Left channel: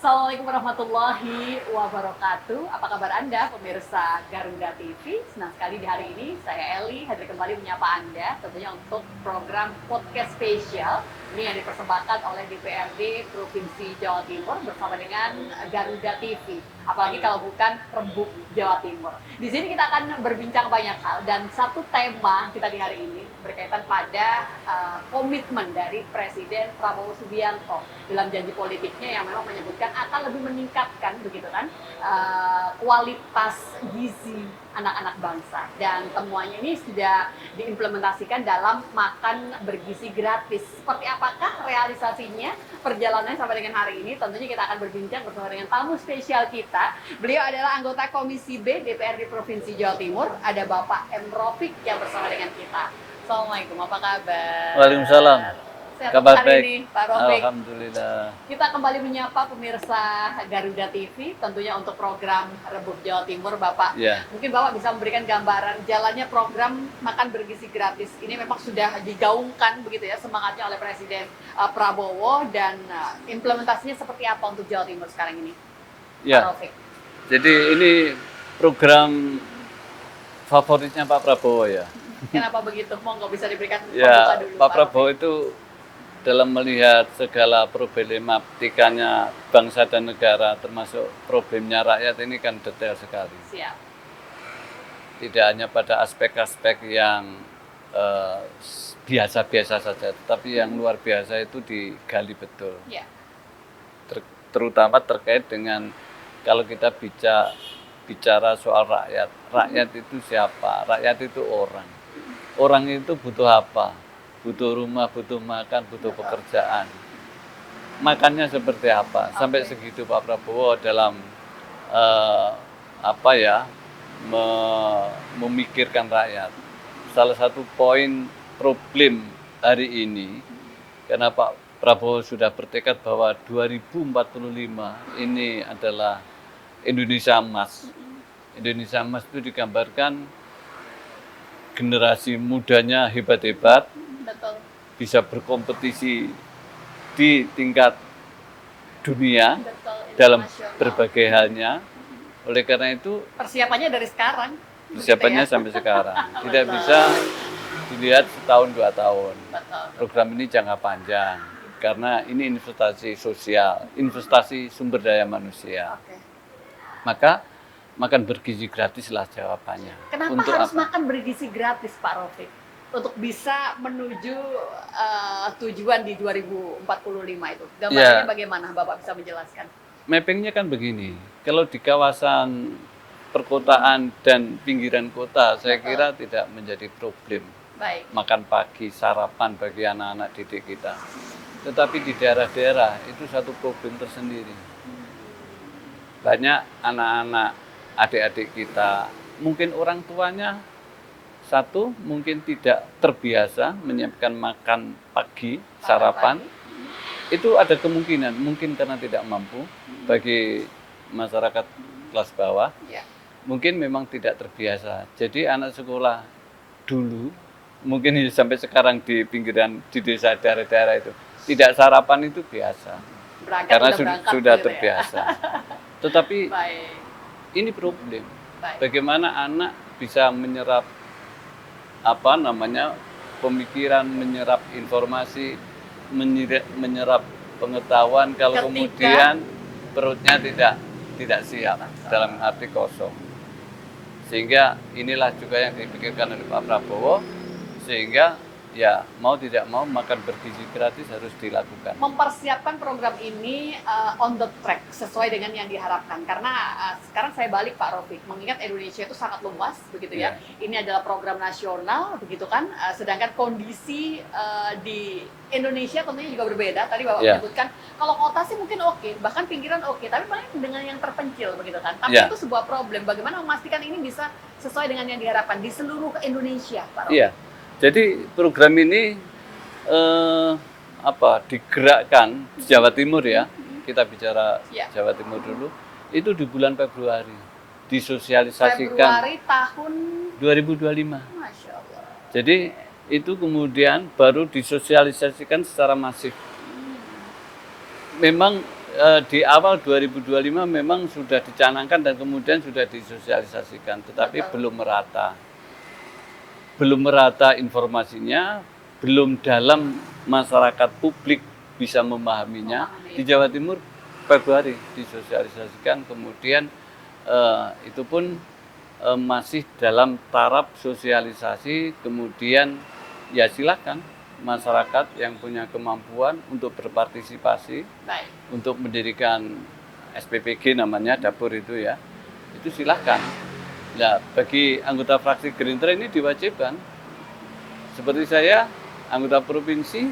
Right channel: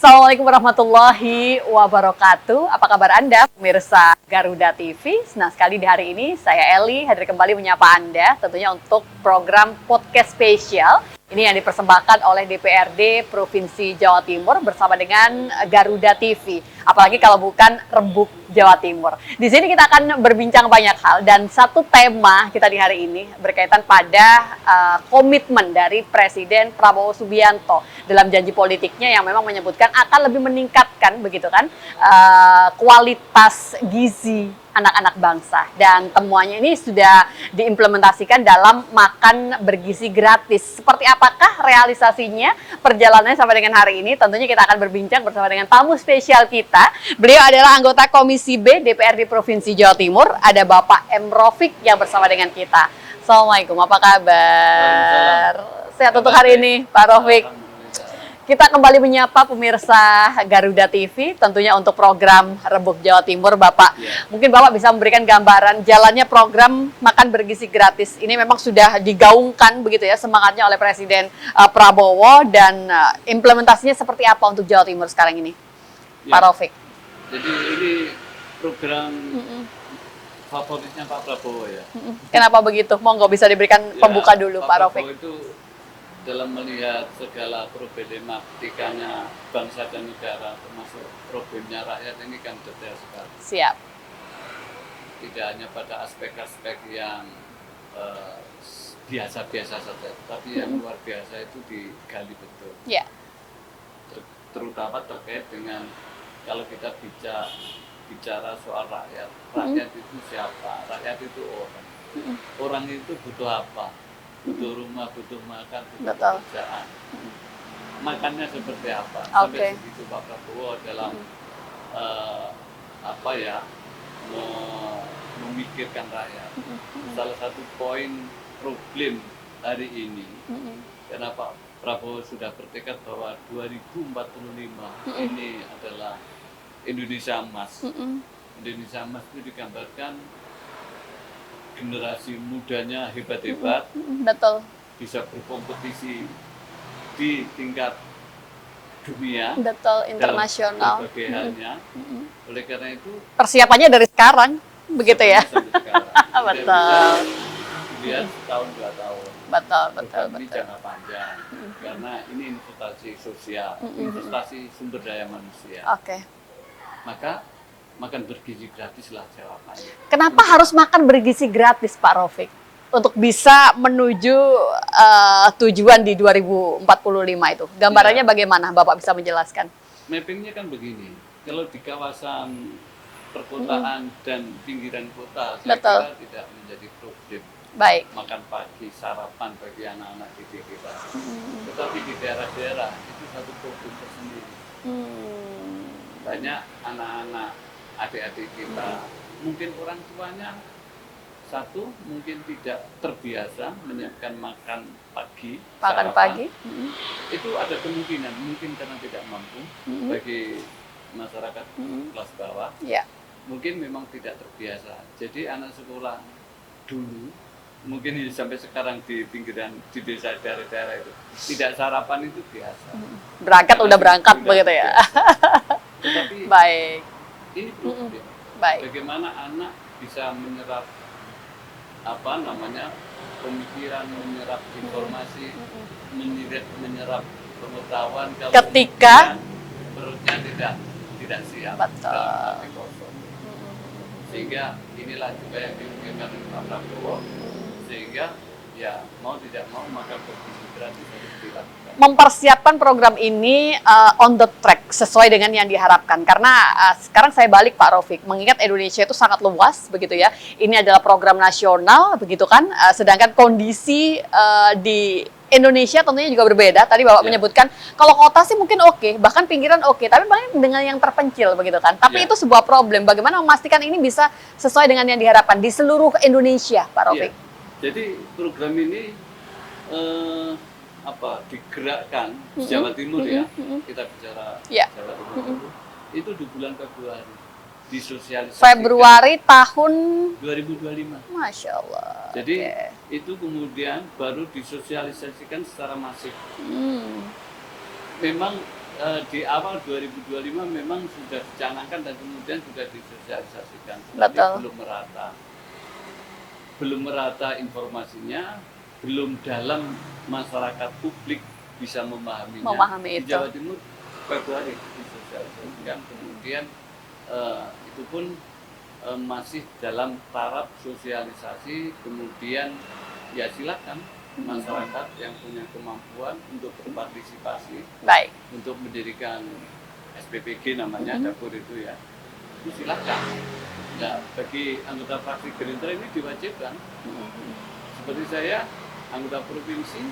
Assalamualaikum warahmatullahi wabarakatuh. Apa kabar Anda, pemirsa Garuda TV? Senang sekali di hari ini saya Eli hadir kembali menyapa Anda, tentunya untuk program podcast spesial. Ini yang dipersembahkan oleh DPRD Provinsi Jawa Timur bersama dengan Garuda TV. Apalagi kalau bukan Rembuk Jawa Timur. Di sini kita akan berbincang banyak hal dan satu tema kita di hari ini berkaitan pada komitmen dari Presiden Prabowo Subianto dalam janji politiknya yang memang menyebutkan akan lebih meningkatkan begitu kan kualitas gizi anak-anak bangsa, dan temuannya ini sudah diimplementasikan dalam makan bergizi gratis. Seperti apakah realisasinya, perjalanannya sampai dengan hari ini? Tentunya kita akan berbincang bersama dengan tamu spesial kita. Beliau adalah anggota Komisi B DPRD Provinsi Jawa Timur. Ada Bapak M. Rofik yang bersama dengan kita. Assalamualaikum, apa kabar? Waalaikumsalam. Sehat untuk hari ini, Pak Rofik. Alhamdulillah. Kita kembali menyapa pemirsa Garuda TV, tentunya untuk program Rembuk Jawa Timur, Bapak. Ya. Mungkin Bapak bisa memberikan gambaran jalannya program makan bergizi gratis. Ini memang sudah digaungkan begitu ya semangatnya oleh Presiden Prabowo, dan implementasinya seperti apa untuk Jawa Timur sekarang ini, Ya. Pak Rofik? Jadi ini program favoritnya Pak Prabowo ya. Kenapa begitu? Monggo bisa diberikan pembuka dulu, Pak Pak Prabowo Rofik. itu dalam melihat segala problematikanya bangsa dan negara, termasuk problemnya rakyat, ini kan detail sekali. Siap. Tidak hanya pada aspek-aspek yang biasa-biasa saja, tapi yang luar biasa itu digali betul. Ya. Terutama terkait dengan kalau kita bicara soal rakyat. Rakyat itu siapa? Rakyat itu orang. Orang itu butuh apa? Butuh rumah, butuh makan, butuh Betul. pekerjaan. Makannya seperti apa? Sampai Oke. segitu Pak Prabowo dalam memikirkan rakyat. Salah satu poin problem hari ini, karena Pak Prabowo sudah bertekad bahwa 2045 ini adalah Indonesia Emas. Indonesia Emas itu digambarkan generasi mudanya hebat-hebat, Betul. bisa berkompetisi di tingkat dunia Betul, dalam internasional. berbagai halnya. Oleh karena itu Persiapannya dari sekarang, begitu ya? persiapannya sampai sekarang. Tidak Betul. bisa dilihat setahun 2 tahun. Betul, Program betul, ini betul. jangka panjang, karena ini investasi sosial, investasi sumber daya manusia. Oke. Maka makan bergizi gratislah jawabannya. Kenapa harus makan bergizi gratis, Pak Rofik? Untuk bisa menuju tujuan di 2045 itu. Gambarannya Ya. bagaimana? Bapak bisa menjelaskan? Mappingnya kan begini, kalau di kawasan perkotaan dan pinggiran kota, saya Betul. kira tidak menjadi problem. Baik. Makan pagi, sarapan bagi anak-anak didik kita. Tetapi di daerah-daerah itu satu problem tersendiri. Banyak anak-anak, adik-adik kita, mungkin orang tuanya satu, mungkin tidak terbiasa menyiapkan makan pagi, Makan sarapan. pagi. Itu ada kemungkinan, mungkin karena tidak mampu bagi masyarakat kelas bawah. Ya. Mungkin memang tidak terbiasa. Jadi anak sekolah dulu, mungkin sampai sekarang di pinggiran, di desa daerah-daerah itu, tidak sarapan itu biasa. Berangkat Karena udah berangkat sudah begitu ya. terbiasa. Tetapi Baik. ini problem. Baik. Bagaimana anak bisa menyerap pemikiran, menyerap informasi, menyerap pengetahuan kalau Ketika- kemudian perutnya tidak siap, Betul. dalam arti kosong. Sehingga inilah juga yang dipikirkan oleh Pak Prabowo, sehingga ya mau tidak mau makan bergizi gratis harus dilakukan. Mempersiapkan program ini on the track sesuai dengan yang diharapkan, karena sekarang saya balik, Pak Rofik, mengingat Indonesia itu sangat luas begitu ya. Ini adalah program nasional begitu kan, sedangkan kondisi di Indonesia tentunya juga berbeda. Tadi Bapak Ya. menyebutkan kalau kota sih mungkin oke, bahkan pinggiran oke, tapi paling dengan yang terpencil begitu kan. Tapi Ya. itu sebuah problem. Bagaimana memastikan ini bisa sesuai dengan yang diharapkan di seluruh Indonesia, Pak Rofik? Iya. Jadi program ini digerakkan di Jawa Timur ya. Kita bicara Ya. Jawa Timur dulu. Itu di bulan Februari disosialisasikan Februari tahun 2025. Masya Allah. Jadi itu kemudian baru disosialisasikan secara masif. Hmm. Memang Di awal 2025 memang sudah dicanangkan dan kemudian sudah disosialisasikan, tetapi Betul. belum merata informasinya, belum dalam masyarakat publik bisa memahaminya. Memahami Di itu. Jawa Timur Februari disosialisasikan, kemudian itu pun masih dalam taraf sosialisasi, kemudian ya silakan masyarakat yang punya kemampuan untuk berpartisipasi Baik. untuk mendirikan SPPG namanya dapur itu ya, itu silahkan. Nah, bagi anggota fraksi Gerindra ini diwajibkan. Seperti saya, anggota provinsi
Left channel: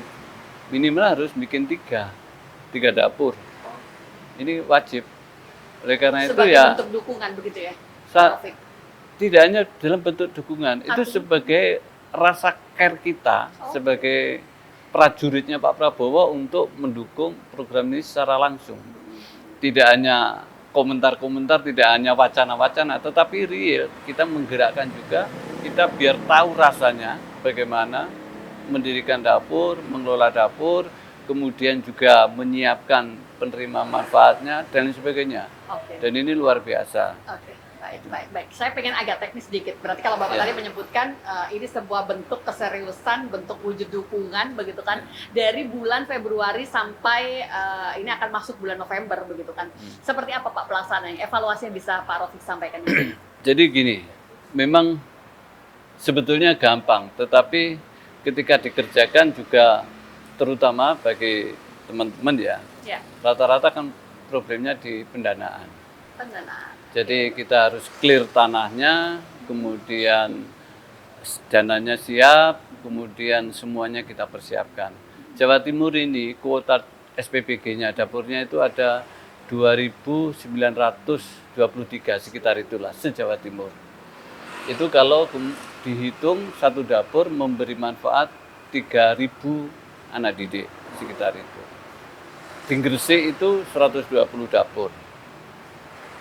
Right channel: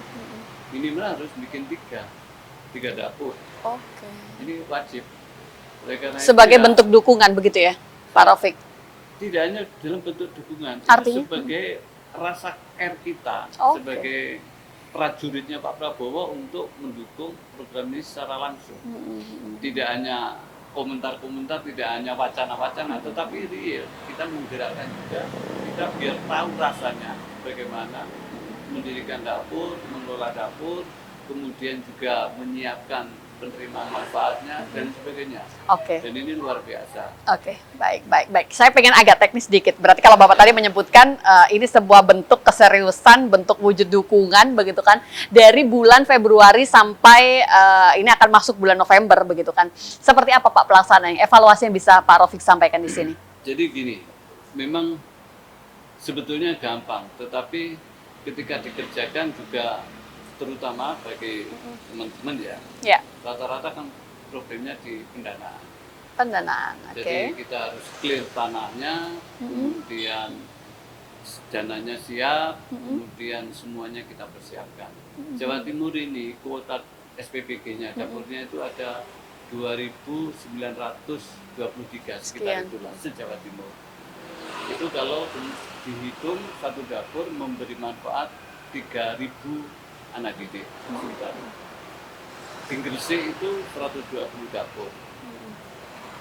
minimal harus bikin tiga dapur. Oke. Ini wajib. Oleh karena Sebagai itu ya, bentuk dukungan begitu ya, Pak Rafiq? tidak hanya dalam bentuk dukungan, itu Artinya? sebagai rasa care kita Oke. sebagai prajuritnya Pak Prabowo untuk mendukung program ini secara langsung. Tidak hanya komentar-komentar, tidak hanya wacana-wacana, tetapi real. Kita menggerakkan juga, kita biar tahu rasanya bagaimana mendirikan dapur, mengelola dapur, kemudian juga menyiapkan penerima manfaatnya dan sebagainya. Oke. Dan ini luar biasa. Oke, baik. Saya pengen agak teknis sedikit. Berarti kalau Bapak tadi menyebutkan ini sebuah bentuk keseriusan, bentuk wujud dukungan, begitu kan? Dari bulan Februari sampai ini akan masuk bulan November, begitu kan? Seperti apa Pak pelaksanaannya? Evaluasi yang bisa Pak Rafiq sampaikan di sini? Jadi gini, memang sebetulnya gampang, tetapi ketika dikerjakan juga terutama bagi teman-teman ya, Ya, rata-rata kan problemnya di pendanaan. pendanaan. Jadi kita harus clear tanahnya, kemudian dananya siap, kemudian semuanya kita persiapkan. Jawa Timur ini kuota SPPG-nya dapurnya itu ada 2.923 sekitar Sekian. itulah se-Jawa Timur. Itu kalau dihitung satu dapur memberi manfaat 3.000 anak didik sekitar itu. Di Gresik itu 120 dapur.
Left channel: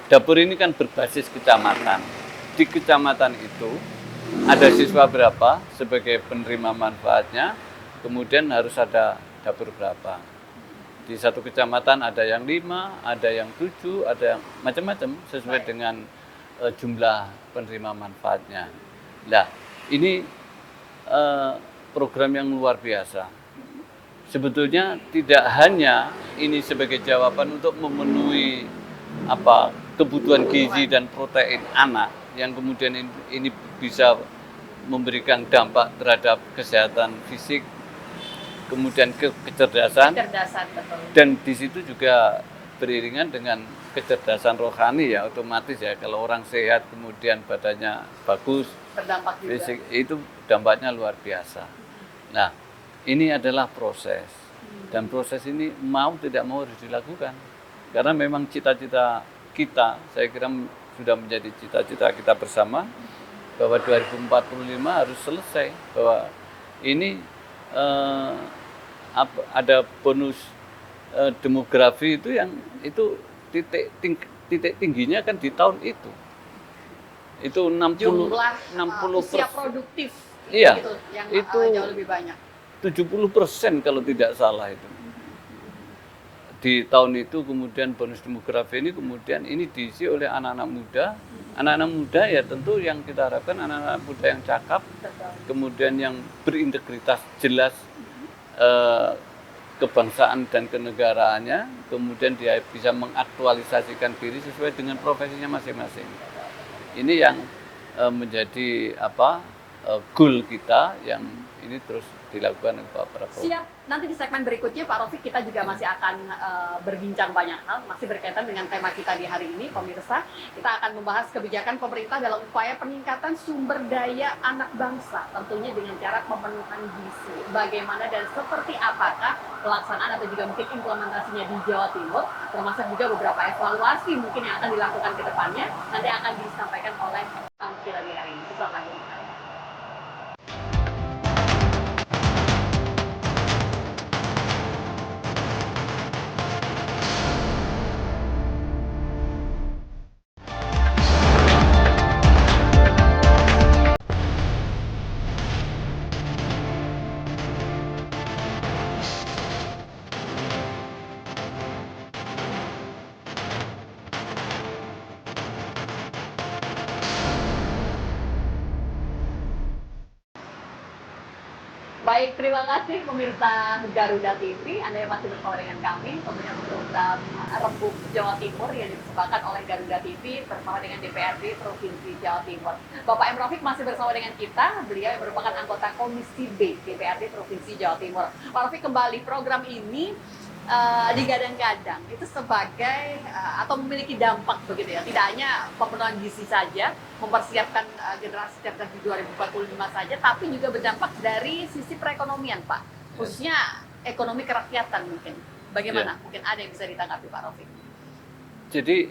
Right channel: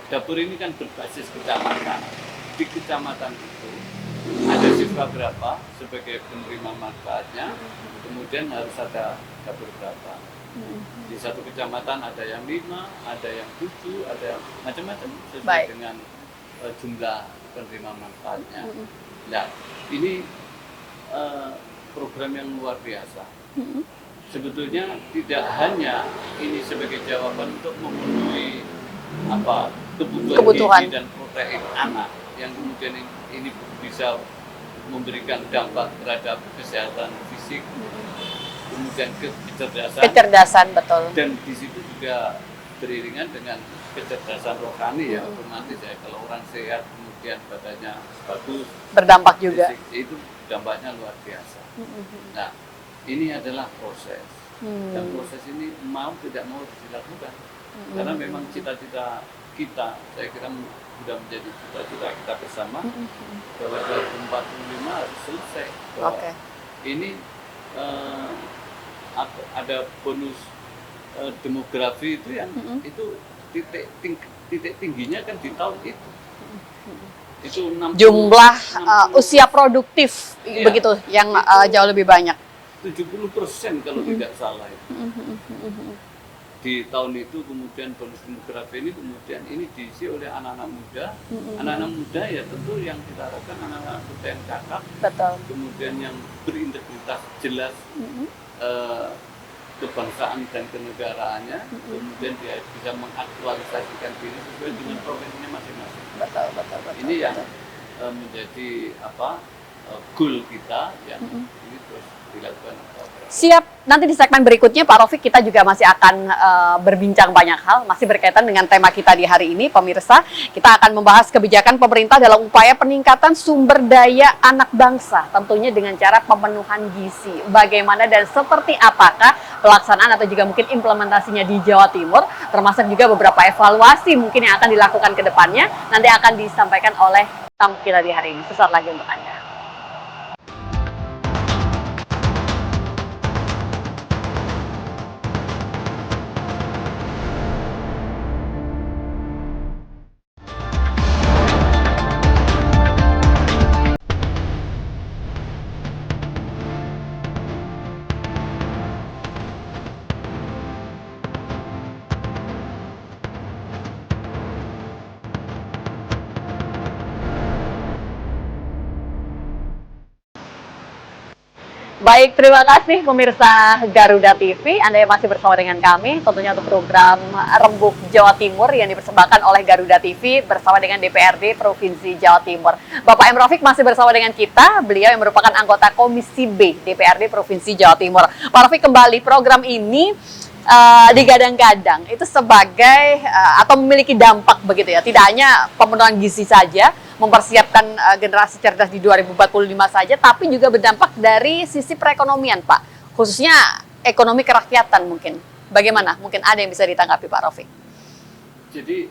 Dapur ini kan berbasis kecamatan. Di kecamatan itu ada siswa berapa sebagai penerima manfaatnya, kemudian harus ada dapur berapa. Di satu kecamatan ada yang 5, ada yang 7, ada yang macam-macam sesuai Baik. dengan jumlah penerima manfaatnya. Nah, ini program yang luar biasa. Sebetulnya tidak hanya ini sebagai jawaban untuk memenuhi kebutuhan gizi dan protein anak yang kemudian ini bisa memberikan dampak terhadap kesehatan fisik, kemudian kecerdasan, betul. dan di situ juga beriringan dengan kecerdasan rohani ya, otomatis ya, kalau orang sehat kemudian badannya bagus, Berdampak juga. fisik, itu dampaknya luar biasa. Nah, ini adalah proses, dan proses ini mau tidak mau harus dilakukan, karena memang cita-cita kita, saya kira sudah menjadi cita-cita kita bersama, bahwa 2045 harus selesai, bahwa ini ada bonus demografi itu yang itu titik tingginya kan di tahun itu 60, jumlah 60%. usia produktif Iya, begitu yang itu jauh lebih banyak. 70% kalau tidak salah itu. Di tahun itu kemudian bonus demografi ini kemudian ini diisi oleh anak-anak muda. Anak-anak muda ya tentu yang kita harapkan anak-anak muda yang cakap, Betul. kemudian yang berintegritas jelas kebangsaan dan kenegaraannya, kemudian dia bisa mengaktualisasikan diri sesuai dengan profesinya masing-masing. Betul. Ini yang menjadi goal kita yang ini terus dilakukan Pak Prabowo. Siap, nanti di segmen berikutnya Pak Rafiq kita juga masih akan berbincang banyak hal, masih berkaitan dengan tema kita di hari ini, pemirsa. Kita akan membahas kebijakan pemerintah dalam upaya peningkatan sumber daya anak bangsa, tentunya dengan cara pemenuhan gizi. Bagaimana dan seperti apakah pelaksanaan atau juga mungkin implementasinya di Jawa Timur, termasuk juga beberapa evaluasi mungkin yang akan dilakukan ke depannya, nanti akan disampaikan oleh tamu kita di hari ini. Sesaat lagi untuk Anda. Baik, terima kasih pemirsa Garuda TV. Anda yang masih bersama dengan kami, tentunya untuk program Rembuk Jawa Timur yang dipersembahkan oleh Garuda TV bersama dengan DPRD Provinsi Jawa Timur. Bapak M. Rafiq masih bersama dengan kita, beliau yang merupakan anggota Komisi B DPRD Provinsi Jawa Timur. Pak Rafiq, kembali program ini digadang-gadang itu sebagai atau memiliki dampak begitu ya, tidak hanya pemenuhan gizi saja, mempersiapkan generasi cerdas di 2045 saja, tapi juga berdampak dari sisi perekonomian, Pak. Khususnya ekonomi kerakyatan mungkin. Bagaimana? Mungkin ada yang bisa ditanggapi, Pak Rafiq. Jadi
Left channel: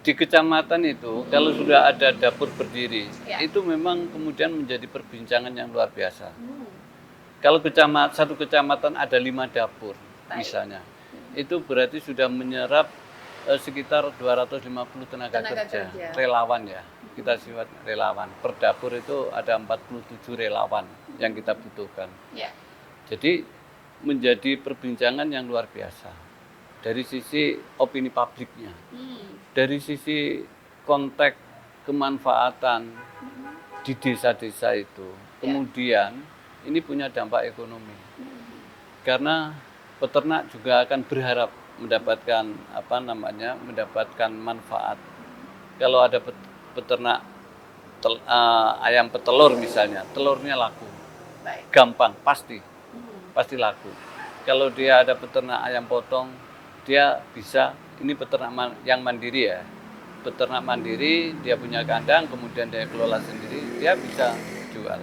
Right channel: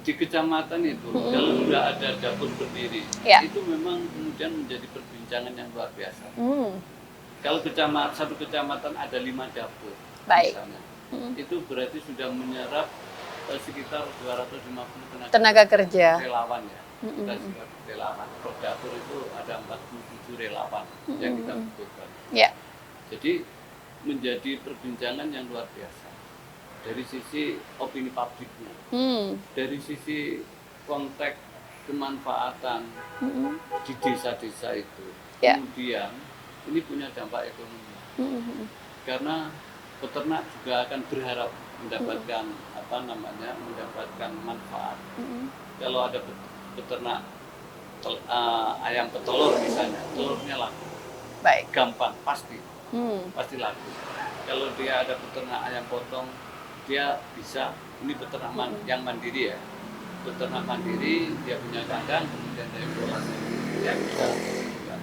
di kecamatan itu kalau sudah ada dapur berdiri, itu memang kemudian menjadi perbincangan yang luar biasa. Kalau satu kecamatan ada 5 dapur, misalnya, itu berarti sudah menyerap sekitar 250 tenaga kerja relawan ya. Kita siwat relawan. Per dapur itu ada 47 relawan yang kita butuhkan. Jadi menjadi perbincangan yang luar biasa. Dari sisi opini publiknya, dari sisi konteks kemanfaatan di desa-desa itu. Kemudian ini punya dampak ekonomi. Karena peternak juga akan berharap mendapatkan mendapatkan manfaat. Kalau ada peternak ayam petelur misalnya, telurnya laku. Gampang, pasti laku. Kalau dia ada peternak ayam potong, dia bisa, ini peternak yang mandiri ya. Peternak mandiri, dia punya kandang, kemudian dia kelola sendiri, dia bisa jual.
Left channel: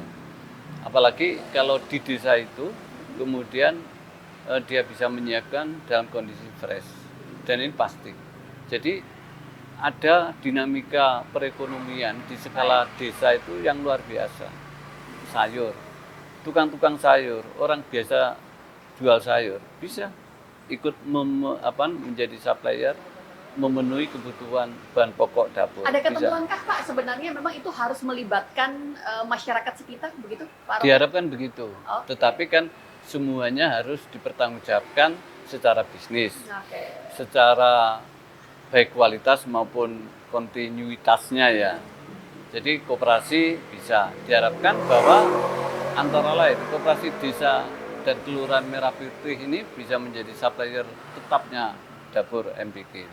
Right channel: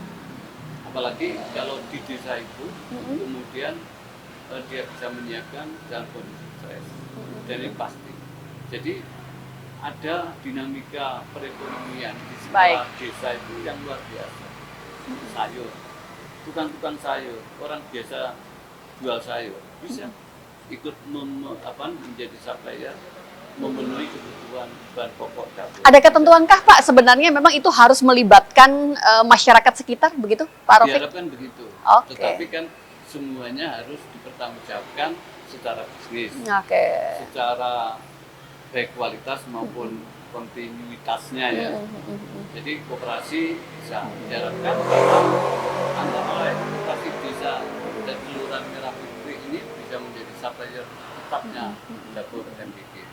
Apalagi kalau di desa itu, kemudian dia bisa menyiapkan dalam kondisi fresh, dan ini pasti. Jadi ada dinamika perekonomian di skala desa itu yang luar biasa. Sayur, tukang-tukang sayur, orang biasa jual sayur bisa ikut menjadi supplier, memenuhi kebutuhan bahan pokok dapur. Ada ketentuankah Pak sebenarnya memang itu harus melibatkan masyarakat sekitar begitu, Pak Rafiq? Diharapkan begitu. Tetapi kan semuanya harus dipertanggungjawabkan secara bisnis, secara baik kualitas maupun kontinuitasnya ya. Jadi koperasi bisa diharapkan bahwa antara lain koperasi desa dan kelurahan Merah Putih ini bisa menjadi supplier tetapnya dapur MBG.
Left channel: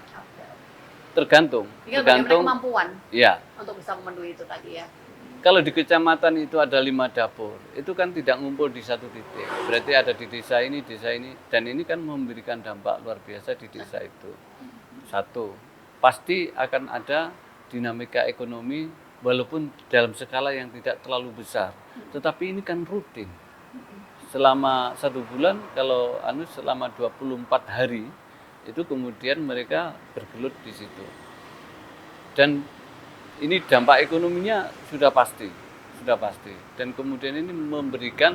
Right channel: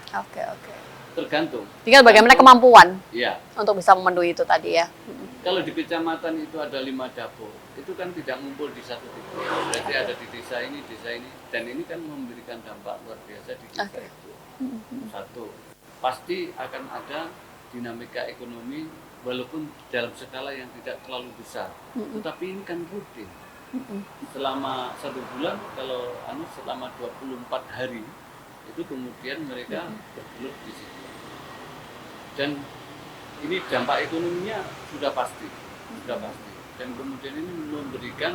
Tergantung. Tinggal bagaimana kemampuan untuk bisa memenuhi itu tadi ya. Kalau di kecamatan itu ada 5 dapur, itu kan tidak ngumpul di satu titik. Berarti ada di desa ini, dan ini kan memberikan dampak luar biasa di desa itu. Satu, pasti akan ada dinamika ekonomi walaupun dalam skala yang tidak terlalu besar. Tetapi ini kan rutin. Selama 1 bulan, kalau selama 24 hari, itu kemudian mereka bergelut di situ. Dan ini dampak ekonominya sudah pasti. Dan kemudian ini memberikan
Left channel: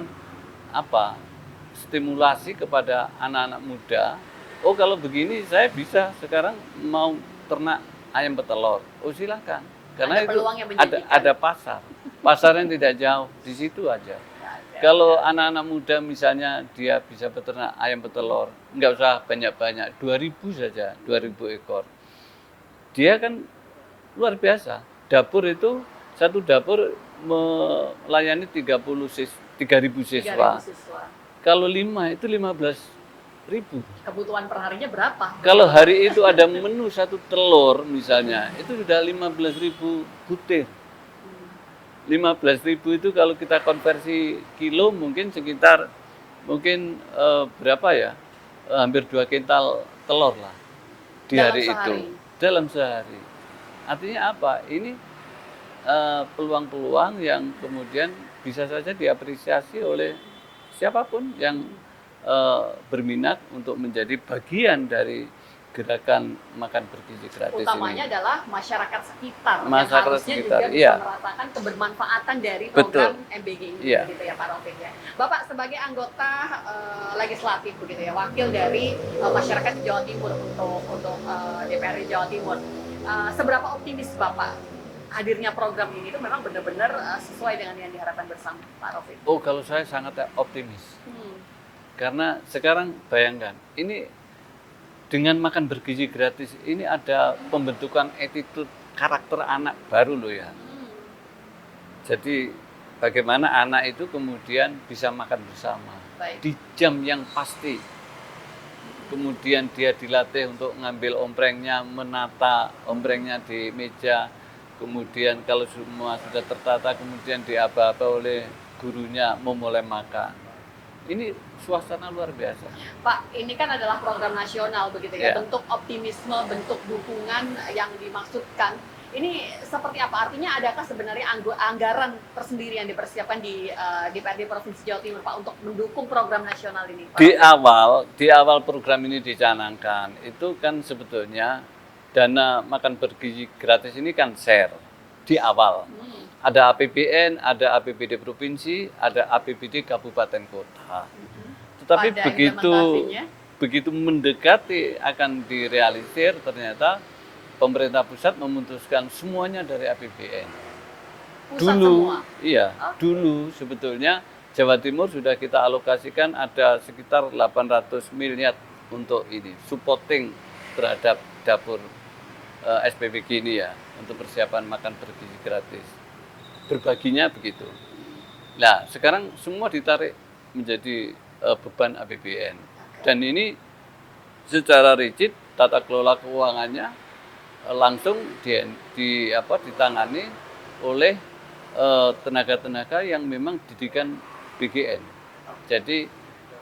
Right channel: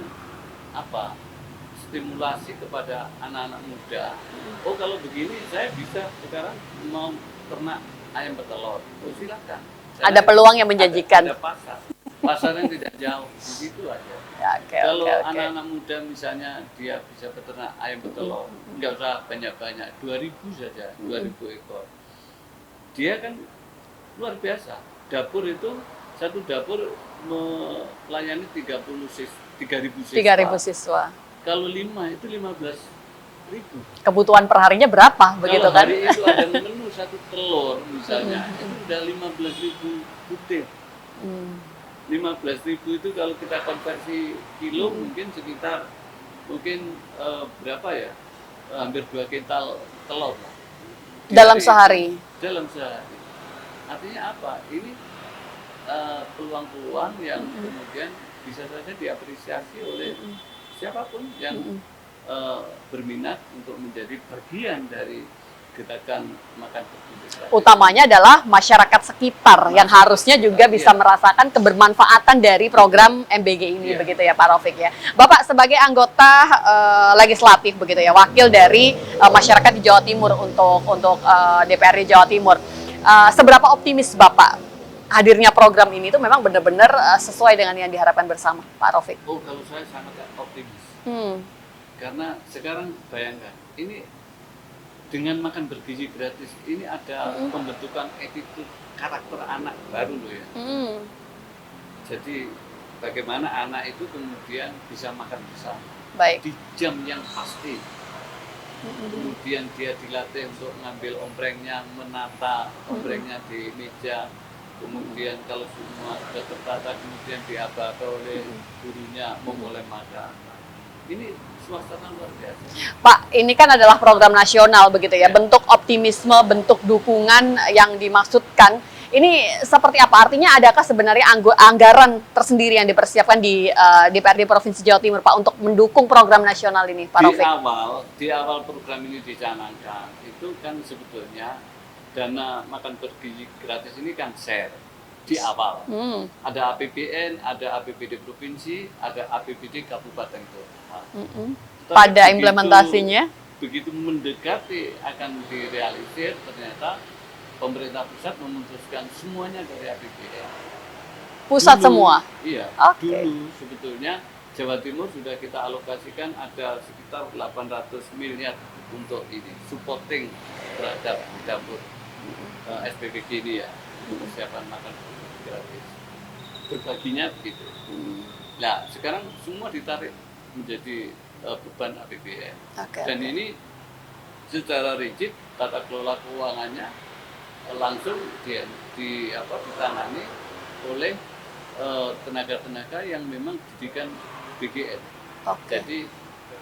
stimulasi kepada anak-anak muda. Oh, kalau begini saya bisa sekarang mau ternak ayam petelur. Oh, silakan. Ada peluang yang menjanjikan. Ada pasarnya tidak jauh, di situ aja. Kalau anak-anak muda misalnya dia bisa beternak ayam petelur, nggak usah banyak-banyak, 2.000 saja, 2.000 ekor. Dia kan luar biasa. Dapur itu, satu dapur melayani 3.000 siswa. Kalau 5 itu 15.000. Kebutuhan perharinya berapa? Kalau hari itu ada menu 1 telur misalnya, itu sudah 15.000 butir. 15.000 itu kalau kita konversi kilo mungkin sekitar berapa ya? Hampir 2 kintal telur lah. Dalam sehari. Dalam sehari. Artinya apa? Ini peluang-peluang yang kemudian bisa saja diapresiasi oleh siapapun yang berminat untuk menjadi bagian dari gerakan makan bergizi gratis. Utamanya adalah masyarakat sekitar yang harusnya juga bisa merasakan kebermanfaatan dari program MBG ini, begitu ya Pak Rafiq ya. Bapak sebagai anggota legislatif begitu ya, wakil dari masyarakat di Jawa Timur untuk DPRD Jawa Timur. Seberapa optimis Bapak hadirnya program ini itu memang benar-benar sesuai dengan yang diharapkan bersama, Pak Rafiq? Oh, kalau saya sangat optimis. Karena sekarang bayangkan, ini dengan makan bergizi gratis, ini ada pembentukan attitude karakter anak baru loh ya. Jadi bagaimana anak itu kemudian bisa makan bersama Baik. di jam yang pasti. Kemudian dia dilatih untuk ngambil omprengnya, menata omprengnya di meja. Kemudian kalau semua sudah tertata, kemudian diaba-aba oleh gurunya memulai makan. Ini suasana luar biasa. Pak, ini kan adalah program nasional begitu ya, Ya. bentuk optimisme, bentuk dukungan yang dimaksudkan. Ini seperti apa? Artinya adakah sebenarnya anggaran tersendiri yang dipersiapkan di DPRD Provinsi Jawa Timur, Pak, untuk mendukung program nasional ini, Pak Di Raufik? awal program ini dicanangkan, itu kan sebetulnya dana makan bergizi gratis ini kan share di awal. Ada APBN, ada APBD provinsi, ada APBD kabupaten kota. Tetapi Pada implementasinya? begitu mendekati akan direalisir, ternyata pemerintah pusat memutuskan semuanya dari APBN. Pusat Dulu, semua? Iya, Oke. dulu sebetulnya Jawa Timur sudah kita alokasikan ada sekitar 800 miliar untuk ini, supporting terhadap dapur SPBG ini ya, untuk persiapan makan bergizi gratis. Berbaginya begitu. Nah, sekarang semua ditarik menjadi beban APBN. Oke. Dan ini secara rigid, tata kelola keuangannya langsung ditangani oleh tenaga-tenaga yang memang didikan BGN. Oke. Jadi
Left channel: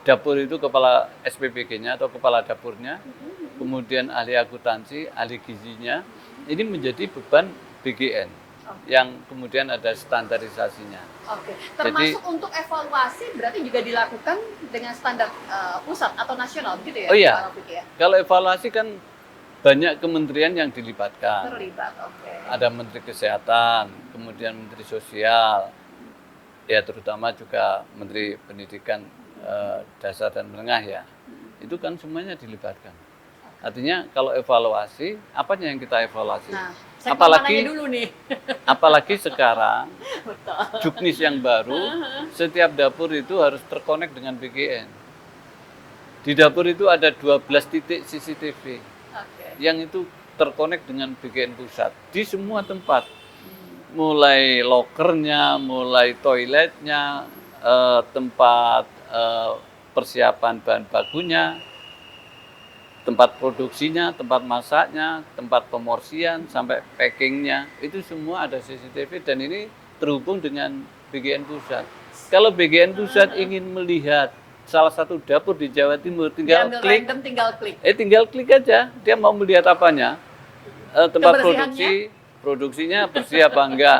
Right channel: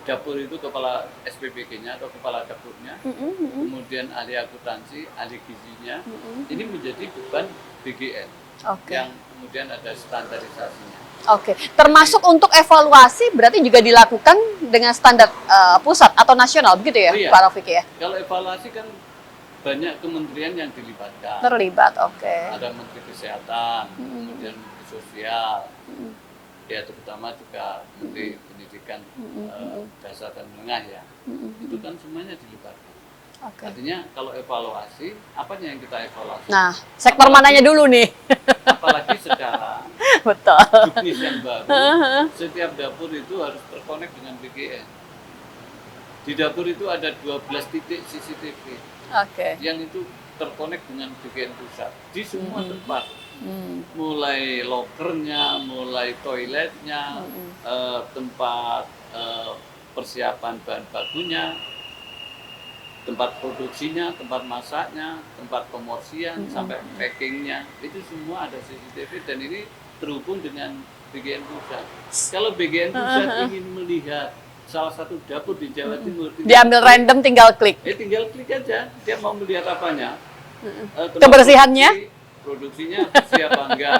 dapur itu kepala SPBG-nya atau kepala dapurnya, kemudian ahli akuntansi, ahli gizinya, ini menjadi beban BGN Oke. yang kemudian ada standarisasinya. Oke, termasuk untuk evaluasi berarti juga dilakukan dengan standar pusat atau nasional begitu ya, Oh iya. Pak Raufik ya? Kalau evaluasi kan banyak kementerian yang dilibatkan. Terlibat, oke. Ada Menteri Kesehatan, kemudian Menteri Sosial, ya terutama juga Menteri Pendidikan Dasar dan Menengah ya. Itu kan semuanya dilibatkan. Oke. Artinya kalau evaluasi, apanya yang kita evaluasi? Nah, sektor Apalagi- mananya dulu nih? Apalagi sekarang, Betul. juknis yang baru, setiap dapur itu harus terkonek dengan BGN. Di dapur itu ada 12 titik CCTV. Oke. yang itu terkonek dengan BGN pusat di semua tempat, mulai lokernya, mulai toiletnya, tempat persiapan bahan bakunya, tempat produksinya, tempat masaknya, tempat pemorsian sampai packingnya, itu semua ada CCTV dan ini terhubung dengan BGN pusat. Kalau BGN pusat ingin melihat salah satu dapur di Jawa Timur, Diambil random, tinggal klik. tinggal klik aja, dia mau melihat apanya, tempat Kebersihannya? produksinya bersih apa enggak,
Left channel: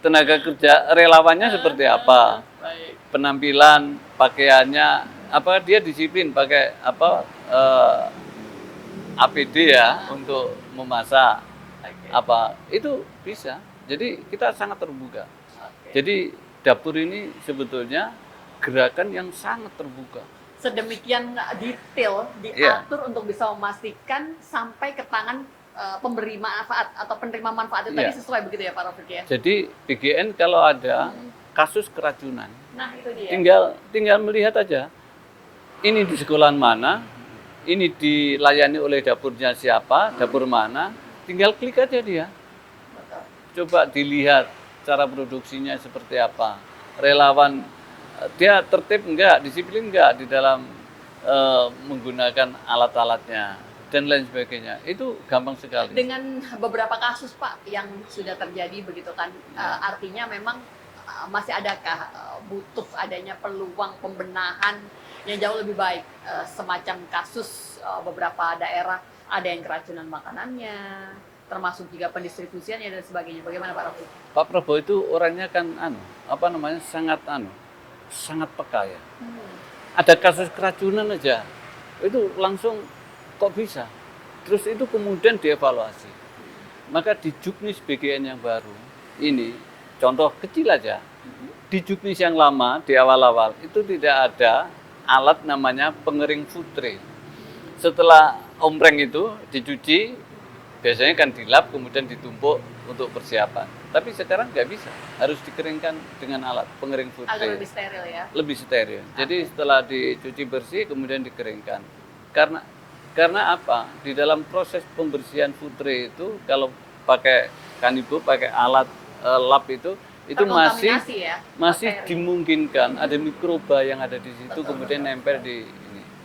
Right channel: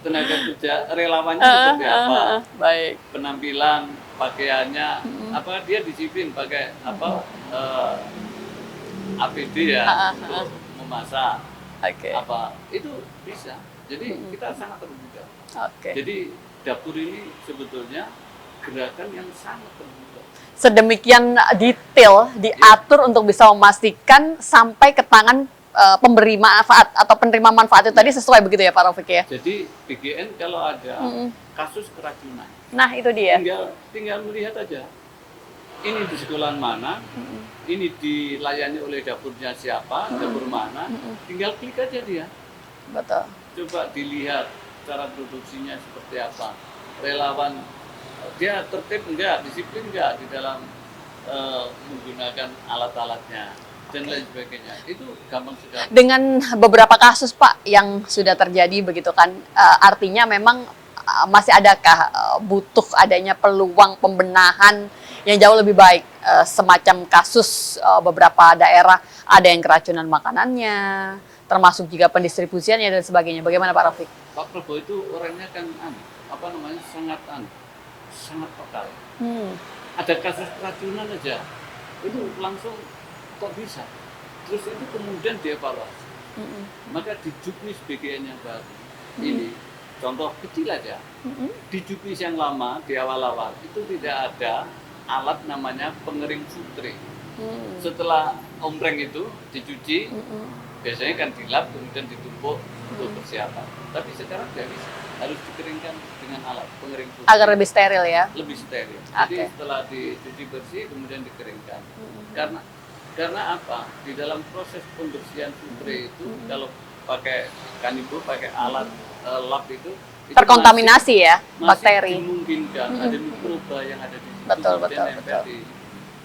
tenaga kerja relawannya seperti apa, Baik. penampilan, pakaiannya, apa dia disiplin pakai apa APD ya untuk memasak, Oke. apa itu bisa. Jadi kita sangat terbuka. Oke. Jadi dapur ini sebetulnya gerakan yang sangat terbuka. Sedemikian detail diatur untuk bisa memastikan sampai ke tangan pemberi manfaat atau penerima manfaat itu tadi sesuai begitu ya Pak Raufik ya? Jadi BGN kalau ada kasus keracunan, Nah itu dia. tinggal melihat aja. Ini di sekolahan mana, ini dilayani oleh dapurnya siapa, dapur mana, tinggal klik aja dia. Betul. Coba dilihat cara produksinya seperti apa. Relawan dia tertib enggak, disiplin enggak di dalam menggunakan alat-alatnya dan lain sebagainya. Itu gampang sekali. Dengan beberapa kasus Pak yang sudah terjadi begitu kan, artinya memang masih adakah butuh adanya peluang pembenahan yang jauh lebih baik, semacam kasus beberapa daerah ada yang keracunan makanannya, termasuk juga pendistribusiannya dan sebagainya. Bagaimana Pak Raufik? Pak Prabowo itu orangnya kan sangat peka ya. Ada kasus keracunan aja, itu langsung kok bisa. Terus itu kemudian dievaluasi. Maka di juknis BGN yang baru ini, contoh kecil aja, di juknis yang lama di awal-awal itu tidak ada alat namanya pengering futre. Setelah ompreng itu dicuci, biasanya kan dilap kemudian ditumpuk untuk persiapan. Tapi sekarang nggak bisa, harus dikeringkan dengan alat pengering futre. Agar lebih steril ya? Lebih steril. Jadi Oke. setelah dicuci bersih kemudian dikeringkan. Karena apa? Di dalam proses pembersihan futre itu kalau pakai kanibo, pakai alat lap itu itu terkontaminasi ya masih bakteri. dimungkinkan ada mikroba yang ada di situ Betul, kemudian betul, nempel betul. di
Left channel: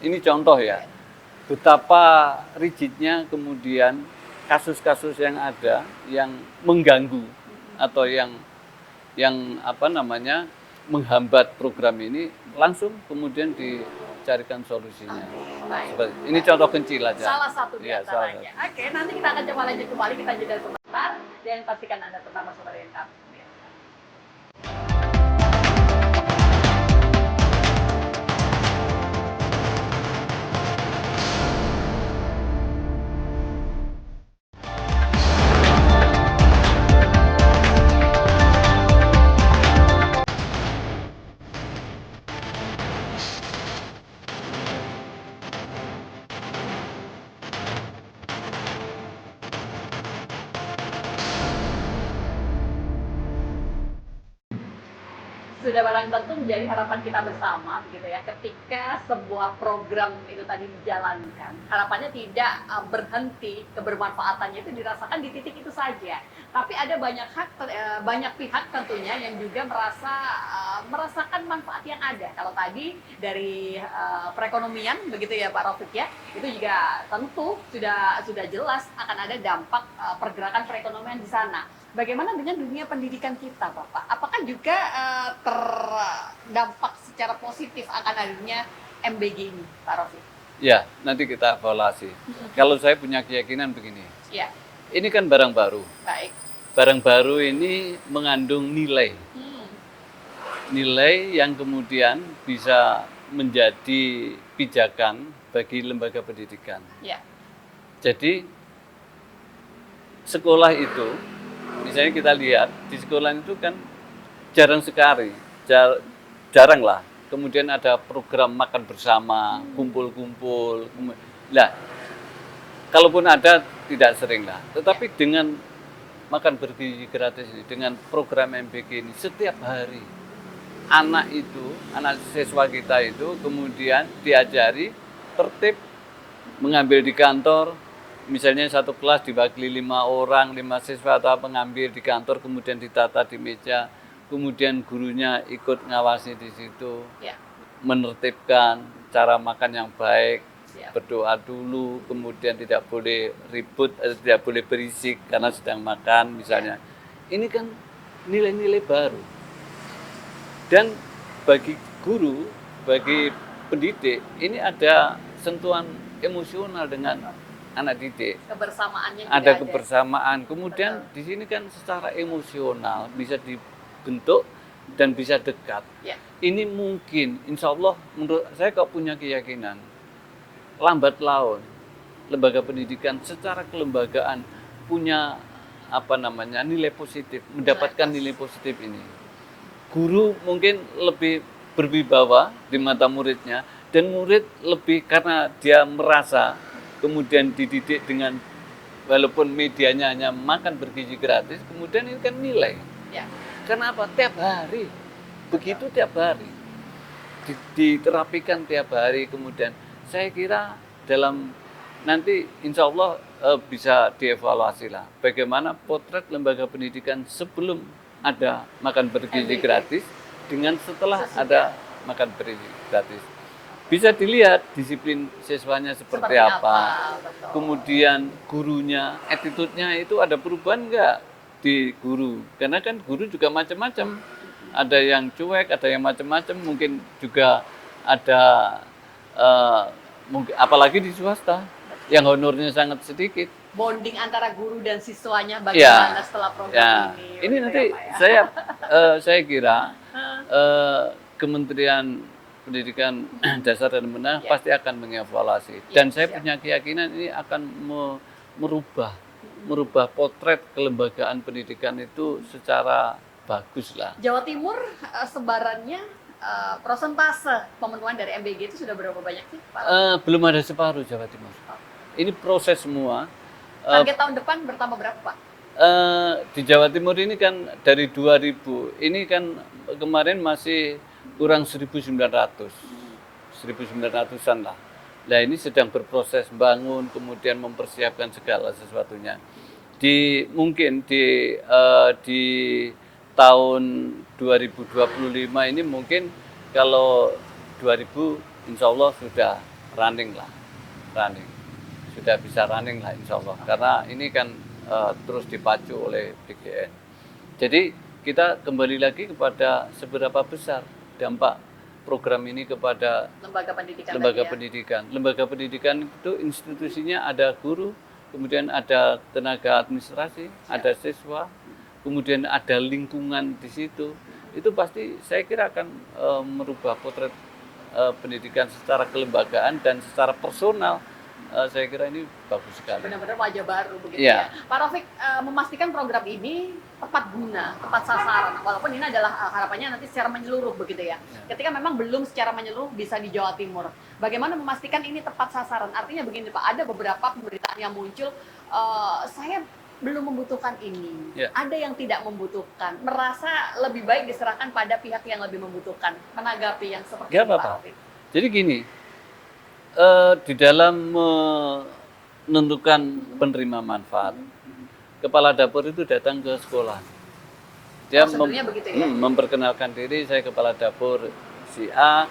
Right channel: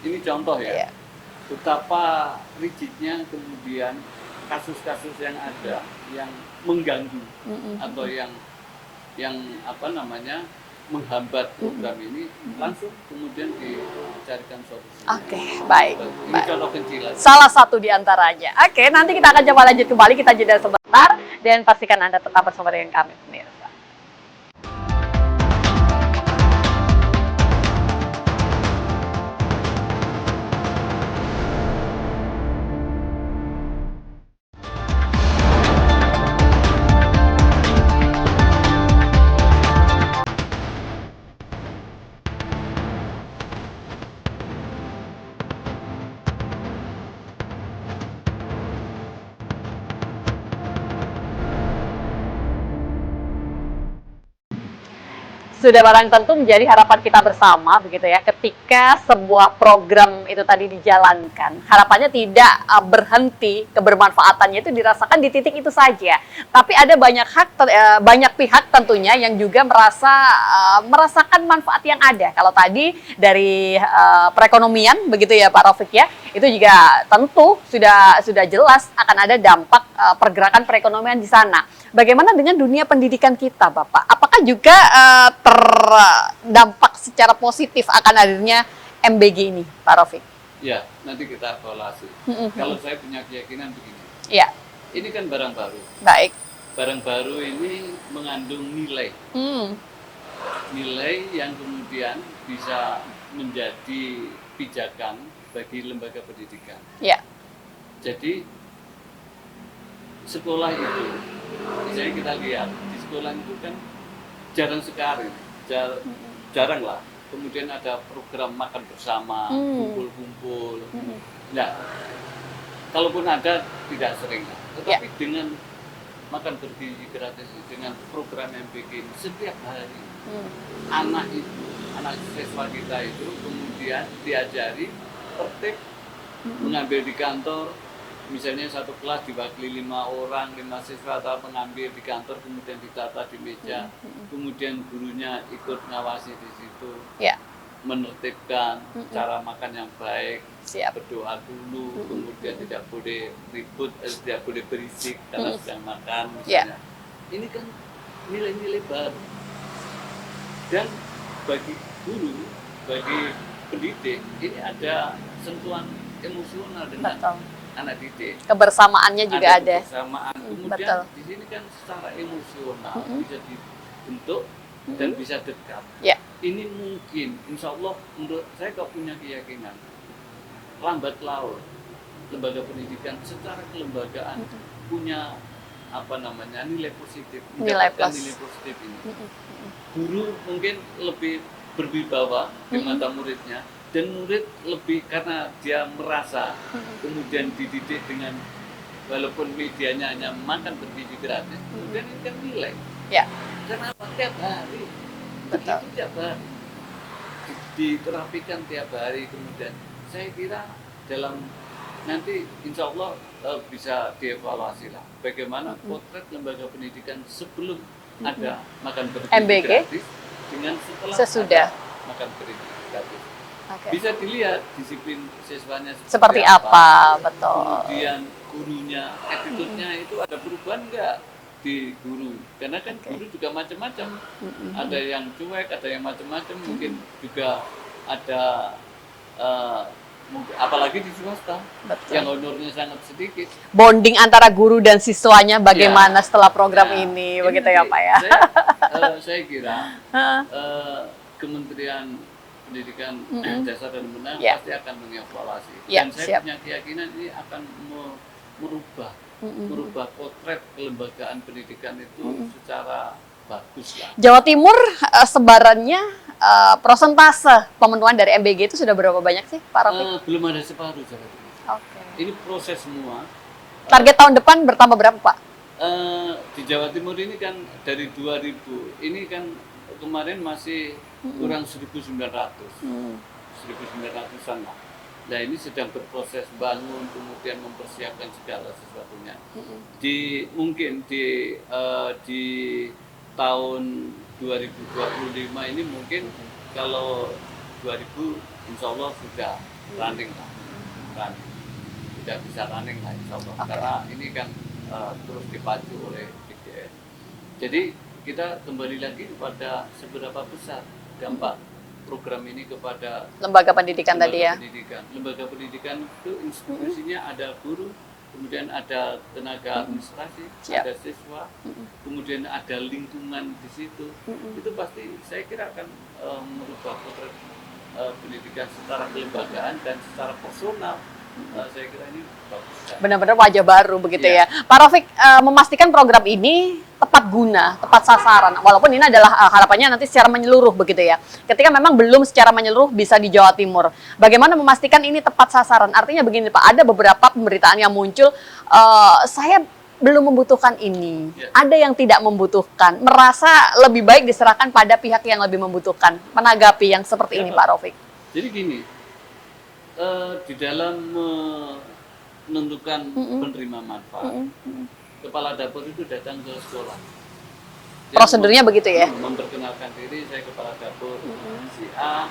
ini contoh ya. Iya. Betapa rigidnya kemudian kasus-kasus yang ada yang mengganggu atau yang apa namanya menghambat program ini langsung kemudian dicarikan solusinya. Oke, baik. Ini contoh kecil aja. Salah satu di antaranya. Oke, nanti kita akan coba lanjut kembali. Kita jeda sebentar dan pastikan Anda tetap bersama dengan kami, pemirsa. Sudah barang tentu menjadi harapan kita bersama begitu ya, ketika sebuah program itu tadi dijalankan, harapannya tidak berhenti, kebermanfaatannya itu dirasakan di titik itu saja, tapi ada banyak pihak tentunya yang juga merasakan manfaat yang ada. Kalau tadi dari perekonomian begitu ya Pak Raufik ya, itu juga tentu sudah jelas akan ada dampak pergerakan perekonomian di sana. Bagaimana dengan dunia pendidikan kita, Bapak? Apakah juga terdampak secara positif akan hadirnya MBG ini, Pak Raufik? Ya, nanti kita evaluasi. Kalau saya punya keyakinan begini. Ya. Ini kan barang baru. Baik. Barang baru ini mengandung nilai. Nilai yang kemudian bisa menjadi pijakan bagi lembaga pendidikan. Ya. Jadi sekolah itu, misalnya kita lihat di sekolah itu kan jarang sekali, jarang lah. Kemudian ada program makan bersama, kumpul-kumpul. Nah, kalaupun ada tidak sering lah. Tetapi dengan makan bergizi gratis, dengan program MBG ini setiap hari anak siswa kita itu kemudian diajari tertib, mengambil di kantor. Misalnya satu kelas diwakili 5 orang, 5 siswa atau mengambil di kantor, kemudian ditata di meja, kemudian gurunya ikut ngawasi di situ, menertibkan cara makan yang baik, berdoa dulu, kemudian tidak boleh ribut, tidak boleh berisik karena sedang makan misalnya. Ini kan nilai-nilai baru. Dan bagi guru, bagi pendidik, ini ada sentuhan emosional dengan anak didik. Kebersamaannya juga ada. Kebersamaan. Kemudian di sini kan secara emosional bisa dibentuk dan bisa dekat. Ini mungkin, insya Allah menurut saya kok punya keyakinan, lambat laun lembaga pendidikan secara kelembagaan punya nilai positif, mendapatkan nilai positif ini. Guru mungkin lebih berwibawa di mata muridnya, dan murid lebih karena dia merasa kemudian dididik dengan walaupun medianya hanya makan bergizi gratis, kemudian ini kan nilai. Kenapa? Tiap hari. Begitu tiap hari. Diterapikan tiap hari, kemudian saya kira dalam nanti insya Allah bisa dievaluasi lah bagaimana potret lembaga pendidikan sebelum ada makan bergizi gratis dengan setelah ada makan bergizi gratis. Bisa dilihat disiplin siswanya seperti apa. Betul. Kemudian gurunya, attitude-nya itu ada perubahan enggak di guru? Karena kan guru juga macam-macam. Ada yang cuek, ada yang macam-macam. Mungkin juga ada, apalagi di swasta, yang honornya sangat sedikit. Bonding antara guru dan siswanya bagaimana setelah program ini, begitu ya Pak ya? Saya kira Kementerian Pendidikan Dasar dan Menengah pasti akan mengevaluasi. Dan saya punya keyakinan ini akan merubah potret kelembagaan pendidikan itu secara bagus lah. Jawa Timur sebarannya prosentase pemenuhan dari MBG itu sudah berapa banyak sih Pak Raufik? Belum ada separuh Jawa Timur. Ini proses semua. Target tahun depan bertambah berapa Pak? Di Jawa Timur ini kan dari 2000, ini kan kemarin masih kurang 1.900, 1.900-an lah. Nah ini sedang berproses bangun, kemudian mempersiapkan segala sesuatunya. Mungkin di tahun 2025 ini mungkin kalau 2000 insya Allah sudah running lah, sudah bisa running lah insya Allah. Karena ini kan terus dipacu oleh PGN. Jadi kita kembali lagi kepada seberapa besar dampak program ini kepada lembaga pendidikan tadi ya. Lembaga pendidikan itu institusinya ada guru, kemudian ada tenaga administrasi, ada siswa, kemudian ada lingkungan di situ. Itu pasti saya kira akan merubah potret pendidikan secara kelembagaan dan secara personal. Saya kira ini bagus sekali. Benar-benar wajah baru begitu ya. Pak Rafiq, memastikan program ini tepat guna, tepat sasaran. Walaupun ini adalah harapannya nanti secara menyeluruh begitu ya. Ketika memang belum secara menyeluruh bisa di Jawa Timur. Bagaimana memastikan ini tepat sasaran? Artinya begini Pak, ada beberapa pemberitaan yang muncul, saya belum membutuhkan ini. Ada yang tidak membutuhkan. Merasa lebih baik diserahkan pada pihak yang lebih membutuhkan. Menanggapi yang seperti ini Pak Rafiq. Jadi gini, di dalam menentukan penerima manfaat, kepala dapur itu datang ke sekolah. Dia prosedurnya begitu ya? Memperkenalkan diri, saya kepala dapur si A,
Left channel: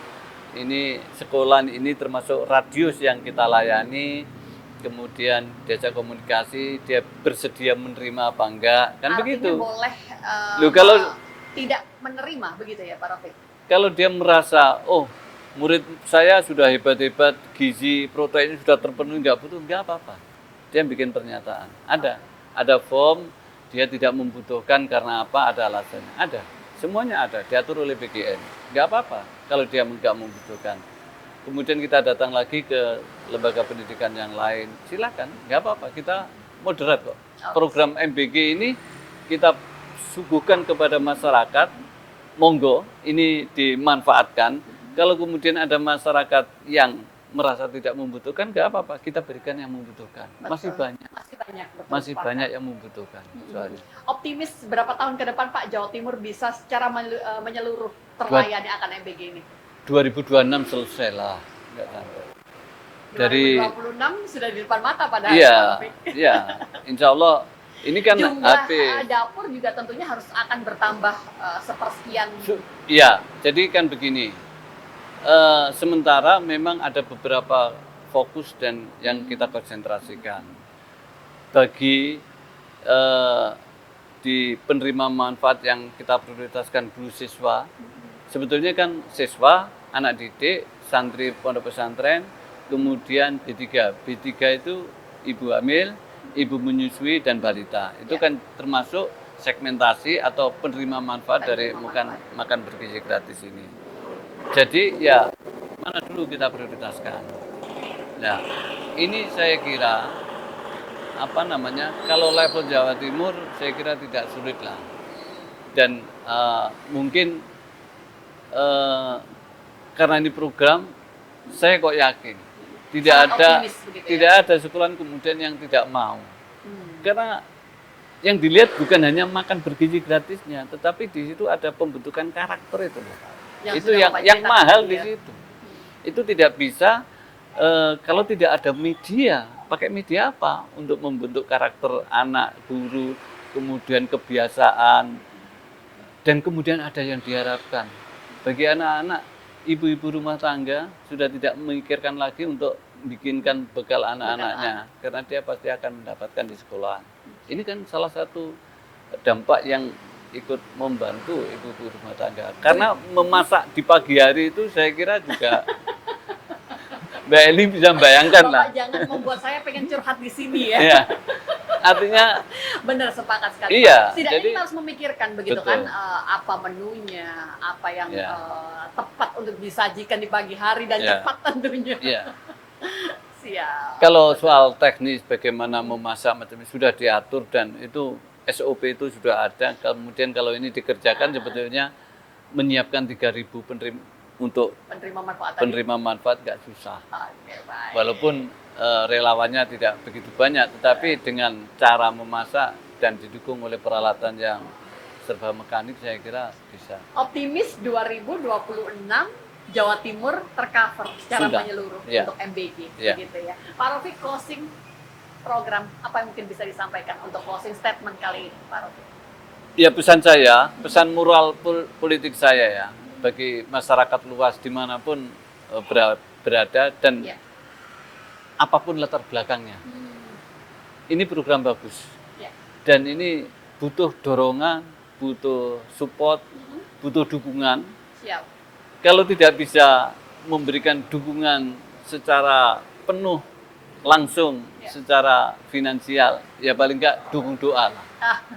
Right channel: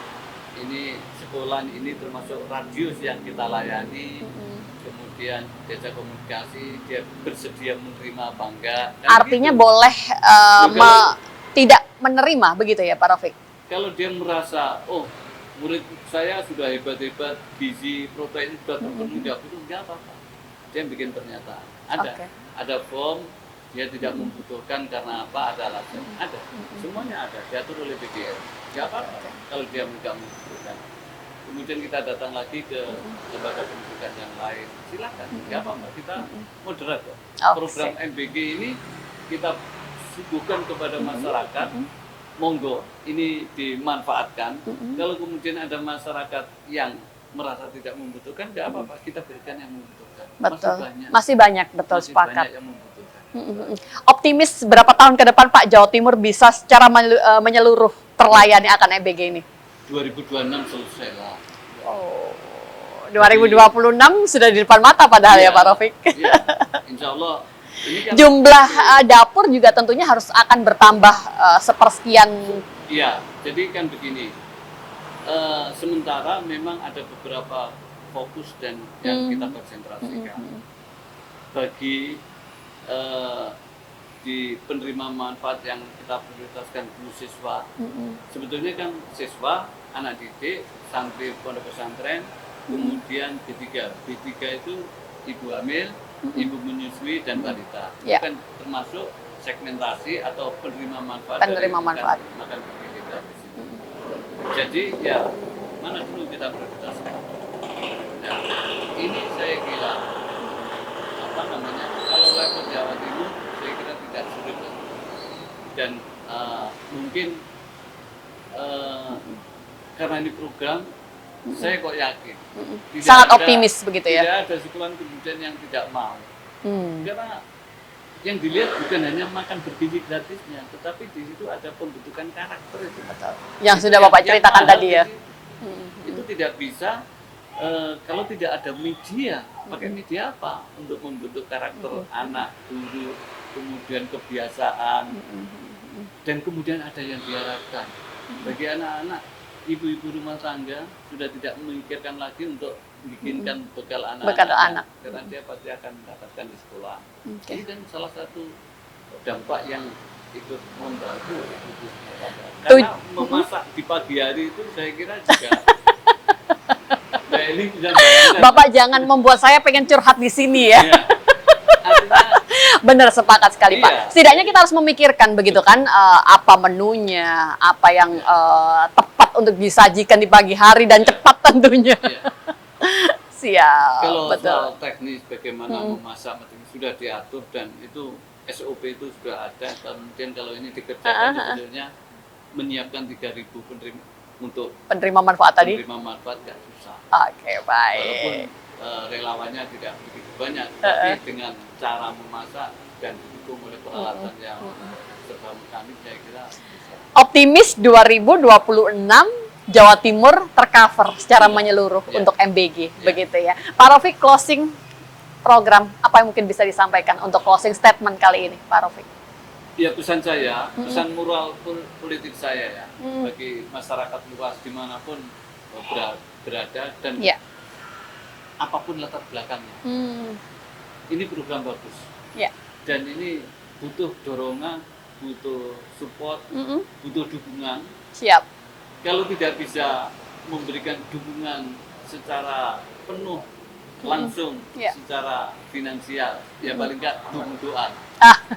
ini sekolah ini termasuk radius yang kita layani, kemudian diajak komunikasi, dia bersedia menerima apa enggak. Kan artinya begitu. Boleh tidak menerima begitu ya Pak Rafiq? Kalau dia merasa, oh murid saya sudah hebat-hebat, gizi, protein sudah terpenuhi, nggak butuh, nggak apa-apa. Dia bikin pernyataan. Ada form, dia tidak membutuhkan karena apa, ada alasan. Ada, semuanya ada, diatur oleh PGN. Nggak apa-apa kalau dia nggak membutuhkan. Kemudian kita datang lagi ke lembaga pendidikan yang lain, silakan, nggak apa-apa, kita moderat kok. Program MBG ini kita suguhkan kepada masyarakat, monggo ini dimanfaatkan. Kalau kemudian ada masyarakat yang merasa tidak membutuhkan, nggak apa-apa, kita berikan yang membutuhkan. Betul. Masih banyak, betul, masih sepakat. Banyak yang membutuhkan. Optimis berapa tahun ke depan Pak Jawa Timur bisa secara menyeluruh terlayani akan MBG ini? 2026 selesai lah. 2026 sudah di depan mata padahal ya Pak Rafiq. Iya, insya Allah. Ini kan jumlah dapur juga tentunya harus akan bertambah sepersekian. Iya, jadi kan begini. Sementara memang ada beberapa fokus dan yang kita konsentrasikan. Bagi di penerima manfaat yang kita prioritaskan dulu siswa, sebetulnya kan siswa, anak didik, santri pondok pesantren, kemudian B3. B3 itu ibu hamil, ibu menyusui dan balita. Itu kan termasuk segmentasi atau penerima manfaat dari makan bergizi gratis ini. Jadi ya mana dulu kita prioritaskan. Nah, ini saya kira kalau level Jawa Timur saya kira tidak sulit lah. Dan mungkin karena ini program, saya kok yakin sangat optimis begitu ya. Tidak ada sekolah kemudian yang tidak mau. Karena yang dilihat bukan hanya makan bergizi gratisnya, tetapi di situ ada pembentukan karakter itu. Yang itu sudah Bapak ceritakan tadi ya. Itu tidak bisa kalau tidak ada media. Pakai media apa untuk membentuk karakter anak, guru, kemudian kebiasaan, dan kemudian ada yang diharapkan bagi anak-anak. Ibu-ibu rumah tangga sudah tidak memikirkan lagi untuk bikinkan bekal anak-anaknya, karena dia pasti akan mendapatkan di sekolah. Ini kan salah satu dampak yang ikut membantu ibu-ibu rumah tangga. Karena memasak di pagi hari itu saya kira juga Mbak Eli bisa bayangkan. Bapak jangan membuat saya pengen curhat di sini ya. Iya. Artinya benar, sepakat sekali Pak. Setidaknya kita harus memikirkan begitu kan, apa menunya, apa yang tepat untuk disajikan di pagi hari dan cepat tentunya. Siap. Kalau soal teknis bagaimana memasak macam itu sudah diatur dan itu SOP itu sudah ada. Kemudian kalau ini dikerjakan sebetulnya menyiapkan 3.000 penerima manfaat tadi. Penerima manfaat gak susah. Oke, baik. Walaupun relawannya tidak begitu banyak, tapi dengan cara memasak dan didukung oleh peralatan yang serba mekanik, saya kira bisa. Optimis 2026 Jawa Timur tercover secara menyeluruh untuk MBG, begitu ya. Pak Rafiq, closing program apa yang mungkin bisa disampaikan untuk closing statement kali ini, Pak Rafiq? Ya pesan saya, pesan moral politik saya ya, bagi masyarakat luas dimanapun berada dan Ya. apapun latar belakangnya. Ini program bagus. Ya. Dan ini butuh dorongan, butuh support, butuh dukungan. Siap. Kalau tidak bisa memberikan dukungan secara penuh, langsung, Ya. secara finansial, ya paling enggak dukung doa lah.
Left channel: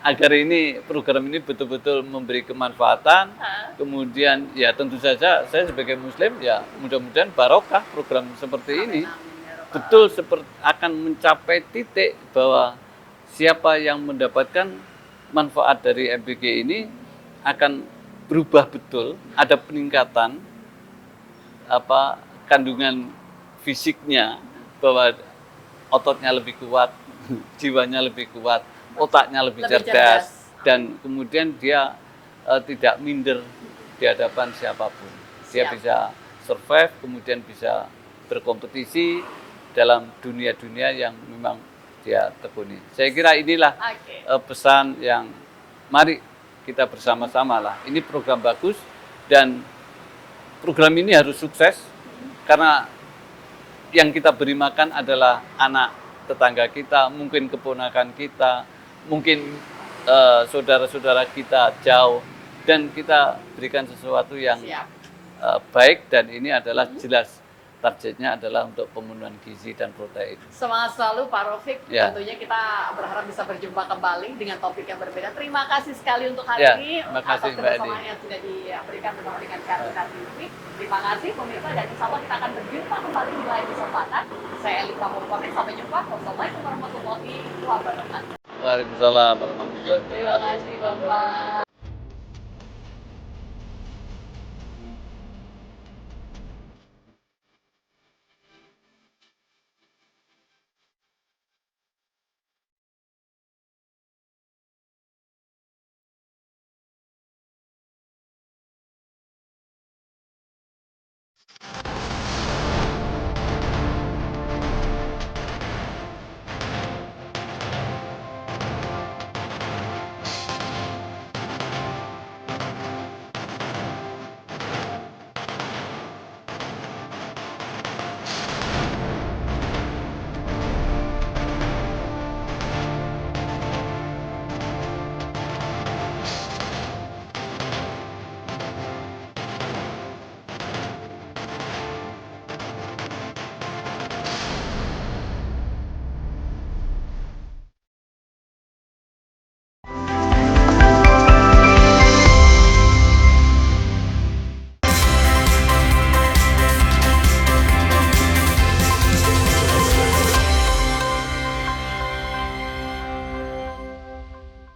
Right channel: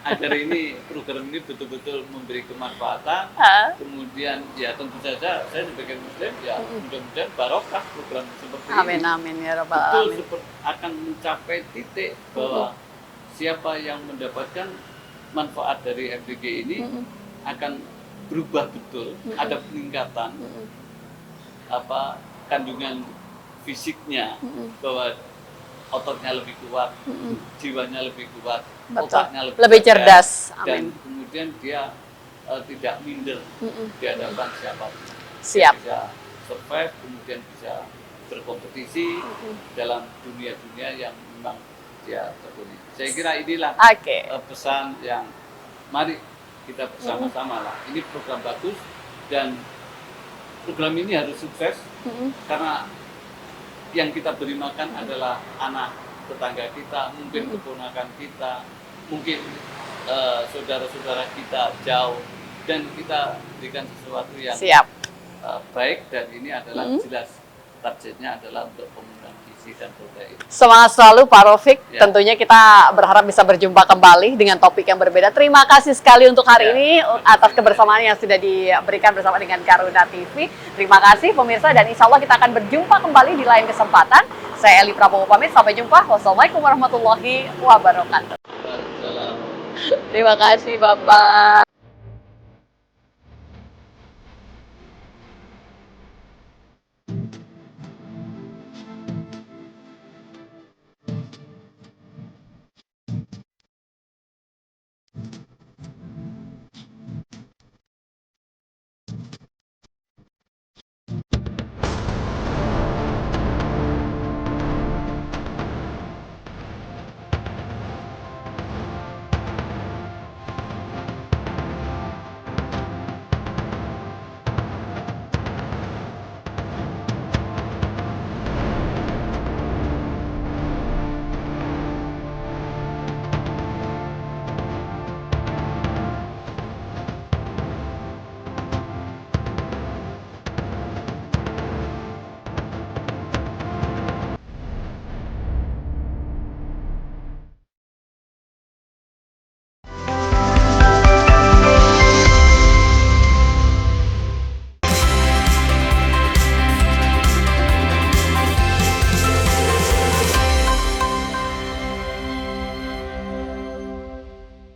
Agar ini program ini betul-betul memberi kemanfaatan. Kemudian ya tentu saja saya sebagai muslim ya mudah-mudahan barokah program seperti Amin, ini. amin ya Rabbal Betul alamin. seperti akan mencapai titik bahwa siapa yang mendapatkan manfaat dari MPG ini akan berubah betul, ada peningkatan apa kandungan fisiknya bahwa ototnya lebih kuat, jiwanya lebih kuat, Betul. otaknya Lebih cerdas. dan Amin. kemudian dia tidak minder di hadapan siapapun. Siap. Dia bisa survive, kemudian bisa berkompetisi dalam dunia-dunia yang memang dia tekuni. Saya kira inilah Oke. pesan yang mari kita bersama-sama lah. Ini program bagus dan program ini harus sukses karena yang kita beri makan adalah anak tetangga kita, mungkin keponakan kita, mungkin saudara-saudara kita jauh, dan kita berikan sesuatu yang Siap. baik dan ini adalah jelas targetnya adalah untuk pemenuhan gizi dan protein. Semangat selalu Pak Raufik. Ya. Tentunya kita berharap bisa berjumpa kembali dengan topik yang berbeda. Terima kasih sekali untuk hari Ya, ini terima kasih, atas Mbak kebersamaan yang sudah diberikan bersama dengan Garuda TV. Terima kasih pemirsa dan insya Allah kita akan berjumpa kembali di lain kesempatan. Saya Eli Prabowo pamit. Sampai jumpa. Wassalamualaikum warahmatullahi wabarakatuh. Waalaikumsalam warahmatullahi wabarakatuh. Terima kasih Bapak.